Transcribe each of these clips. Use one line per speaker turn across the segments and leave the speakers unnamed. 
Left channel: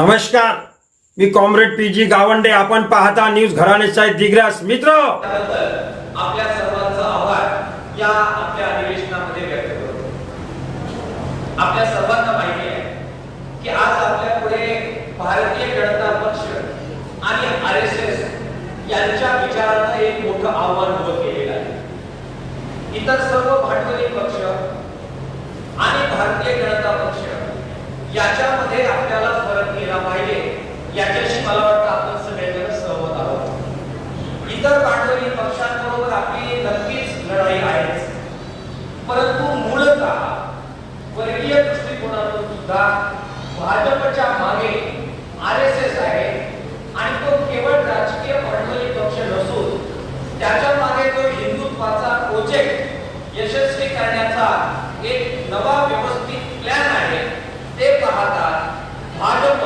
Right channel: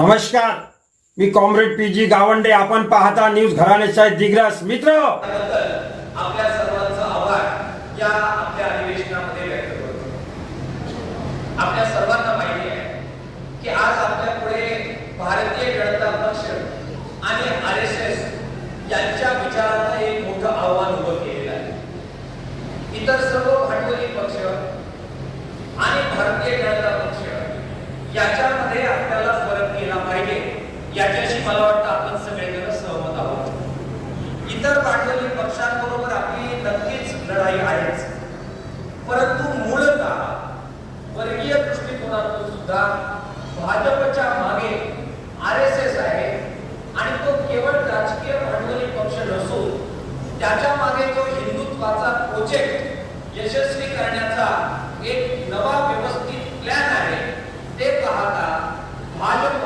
नमस्कार मी comrade P G Gawande. आपण पाहता न्यूज घराणे साहेब दिग्रास. मित्र!
आपल्या सर्वांचा आभार या आपल्या अधिवेशनामध्ये व्यक्त करतो आपल्या सर्वांना माहिती आहे की आज आपल्या पुढे भारतीय जनता पक्ष आणि आर एस एस यांच्या विचारांना एक मोठं आव्हान उभं केलेलं आहे. इतर सर्व भांडवली पक्ष आणि भारतीय जनता पक्ष याच्या पाहिजे याच्याशी मला वाटतं आपण सगळेजण सहमत आहोत. इतर भांडवली पक्षांबरोबर आपली नक्कीच लढाई आहेच. परंतु मूलतः वर्गीय दृष्टिकोनातून सुद्धा भाजपच्या मागे आर एस एस आहे आणि तो केवळ राजकीय भांडवली पक्ष नसून त्याच्यामागे जो हिंदुत्वाचा प्रोजेक्ट यशस्वी करण्याचा एक नवा व्यवस्थित प्लॅन आहे ते पाहता भाजप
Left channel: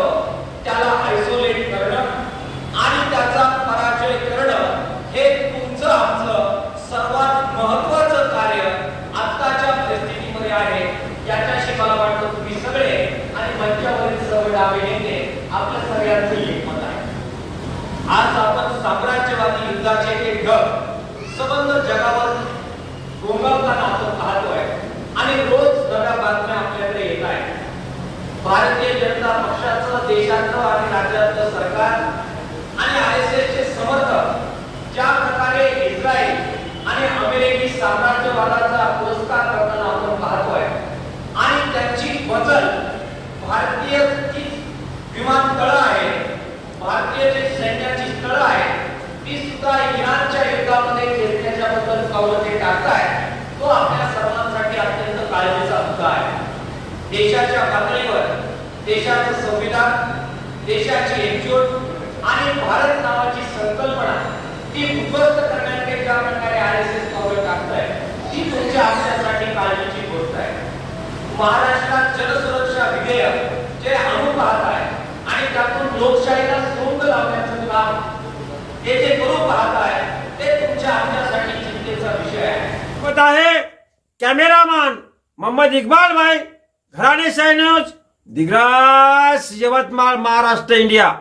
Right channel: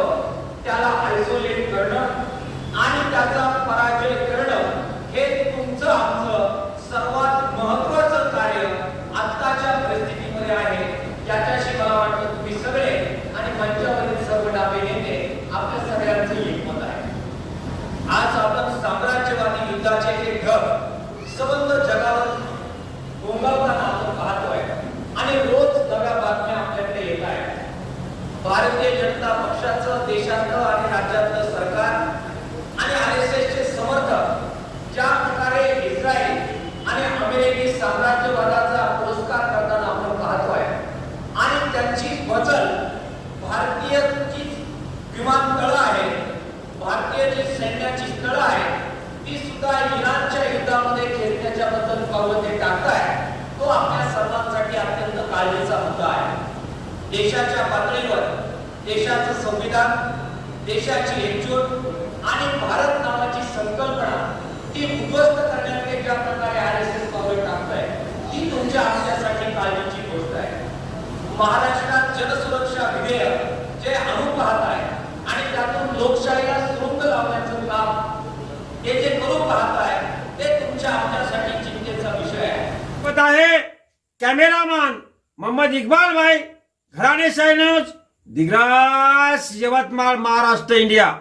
त्याला आयसोलेट करणं आणि त्याचा पराजय करणं हे तुमचं आमचं सर्वात महत्वाचं कार्य आत्ताच्या परिस्थितीमध्ये आहे याच्याशी मला वाटतं तुम्ही सगळे आणि मंचावरील सर्व डावे नेते आपल्या सगळ्यांचं एकमत आहे आज आपण साम्राज्यवादी युद्धाचे हे ढग सबंध जगावर गोंगावताना आपण पाहतोय. आणि रोज नव्या बातम्या आपल्याकडे येत आहेत. भारतीय जनता पक्षाचं देशातलं आणि राज्यातलं सरकार आणि आर एस एस चे समर्थक ज्या प्रकारे इस्रायल आणि अमेरिकी साम्राज्यवादाचा पुरस्कार करताना आपण पाहतोय. आणि त्यांची बदल भारतीय विमानतळ आहे भारतीय जे पावलं ते टाकताय तो आपल्या सर्वांसाठी अत्यंत काळजीचा मुद्दा आहे. देशाच्या पातळीवर देशाचं संविधान देशाची एकजूट आणि भारत नावाची संकल्पना ती उद्ध्वस्त करण्याचे ज्या प्रकारे आर एस एस पावलं टाकताय ती तुमच्या आपल्यासाठी काळजीची गोष्ट आहे. महाराष्ट्रात जलसुरक्षा विधेयक जे आणून पाहत आहे आणि त्यातून लोकशाहीला सोंग लावण्याचं काम हे जे आहे
सोबत आहे कॅमेरामॅन मोहम्मद इकबाल भाई घराणे साहेब न्यूज दिग्रास यवतमाळ महाराष्ट्र इंडिया.